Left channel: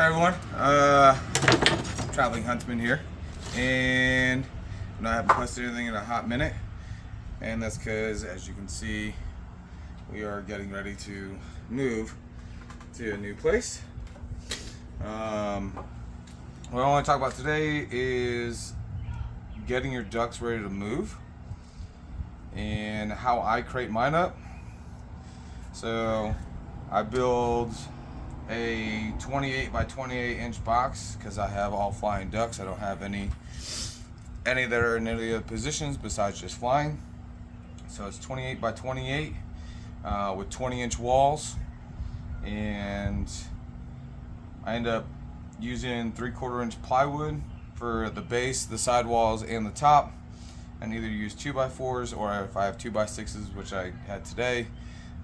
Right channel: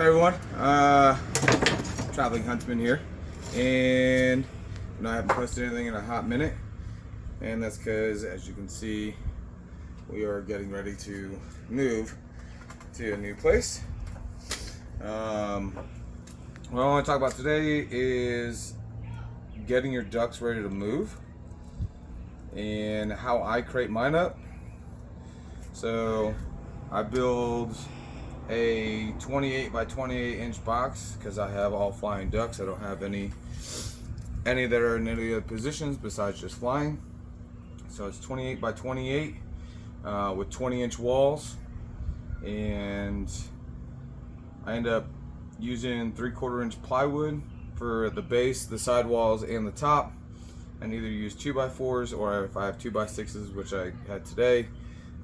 Hi everyone, Traveling Huntsman here, and I haven't posted anything in a hot minute, and that's because, as you can see, we are getting ready to move to a new place. What I want to talk about today is getting your ducks ready to move and how I crate mine up. So I build a 28 by 28 inch box because I have all flying ducks. I don't have any that are in any other positions besides just flying. So it's 28 by 28 with 20-inch walls, and I end up using 3/4 inch plywood for the base, the sidewalls, and the top, and either use 2x4s, or if I have 2x6s, which I had today,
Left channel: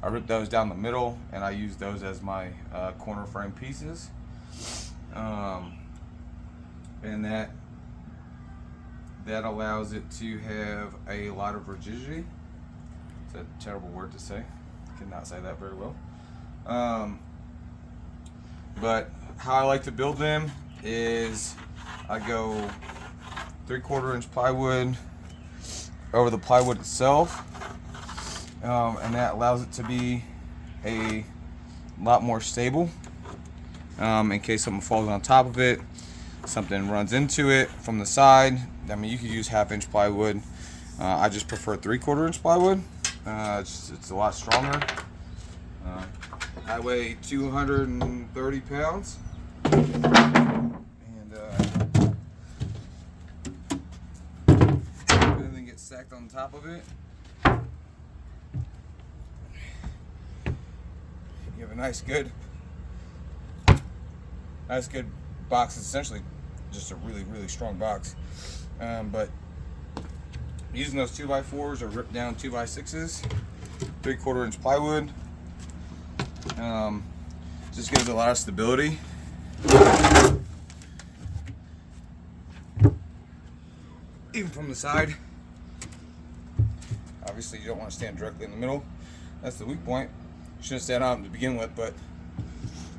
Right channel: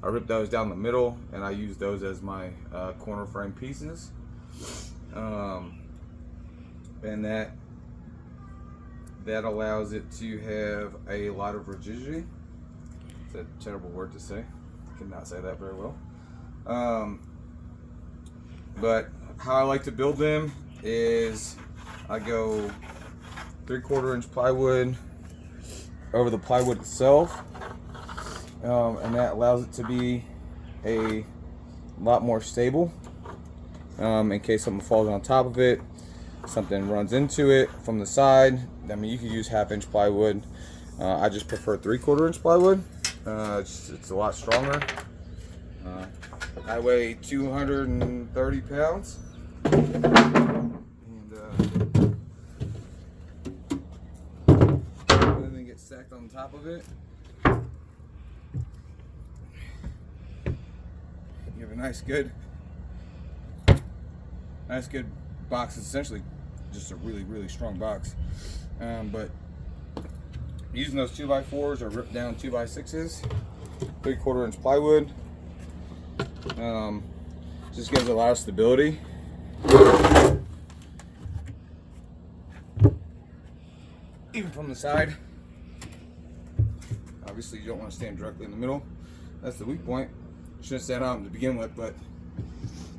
I rip those down the middle and I use those as my corner frame pieces, and that allows it to have a lot of rigidity. It's a terrible word to say. I cannot say that very well. But how I like to build them is I go 3/4 inch plywood over the plywood itself, and that allows it to be a lot more stable, in case something falls on top of it, something runs into it from the side. I mean, you could use 1/2 inch plywood. I just prefer 3/4 inch plywood. It's a lot stronger. I weigh 230 pounds, and everything gets stacked on top of it. You have a nice good box. It's essentially just a really strong box, but using those 2x4s or ripped down 2x6s, 3/4 inch plywood, just gives a lot of stability. Even from the side. Obviously you don't want to stand directly in the middle. That's the weak point. You shouldn't stand out to begin with, but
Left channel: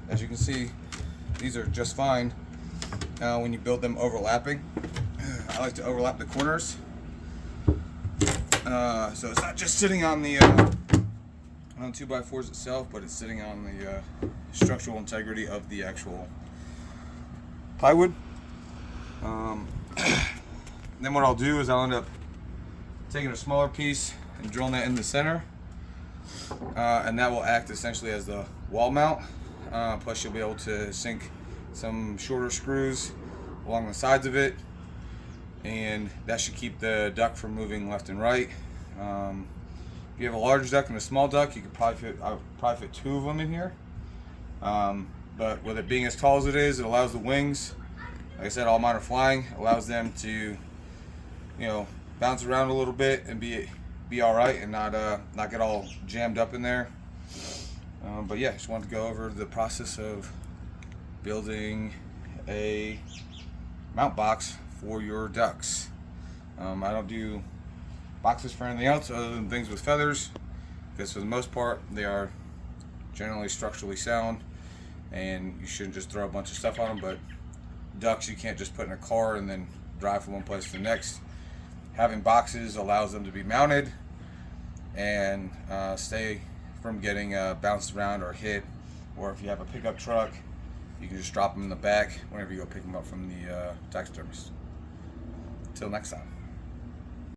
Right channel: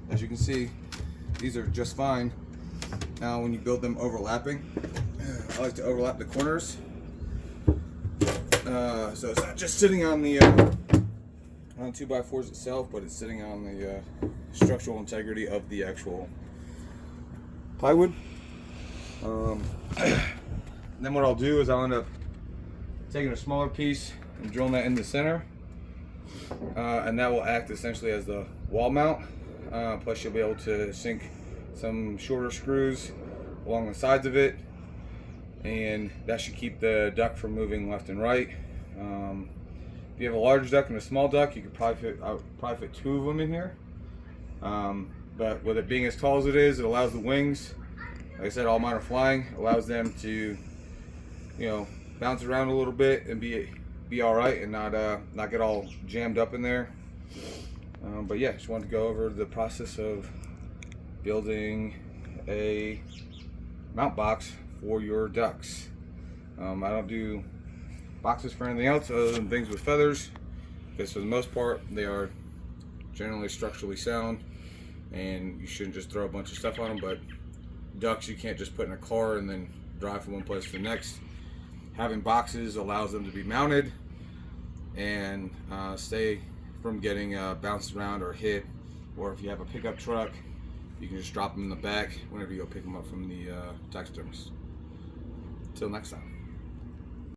as you can see, these are just fine when you build them overlapping. I like to overlap the corners, so it's not just sitting on the 2x4s itself, but it's sitting on the structural integrity of the actual plywood. Then what I'll do is I'll end up taking a smaller piece and drilling that in the center, and that will act essentially as the wall mount. Plus you'll be able to sink some shorter screws along the sides of it, and that should keep the duck from moving left and right. If you have a large duck and a small duck, you could probably fit 2 of them in here. But with it being as tall as it is, it allows the wings, like I said, all mine are flying, allows them to, bounce around a little bit and be all right, and not get all jammed up in there. But yeah, just wanted to go over the process of building a mount box for your ducks. I don't do boxes for anything else other than things with feathers, because for the most part they are generally structurally sound, and you shouldn't just throw a bunch of stuff on them. But ducks, you can't just put in a car and then drive from one place to the next. Having boxes allows them to be mounted and stay from getting bounced around or hit, or if you have a pickup truck, you can just drop them in the back whenever you go pick them up from the taxidermist. Until next time.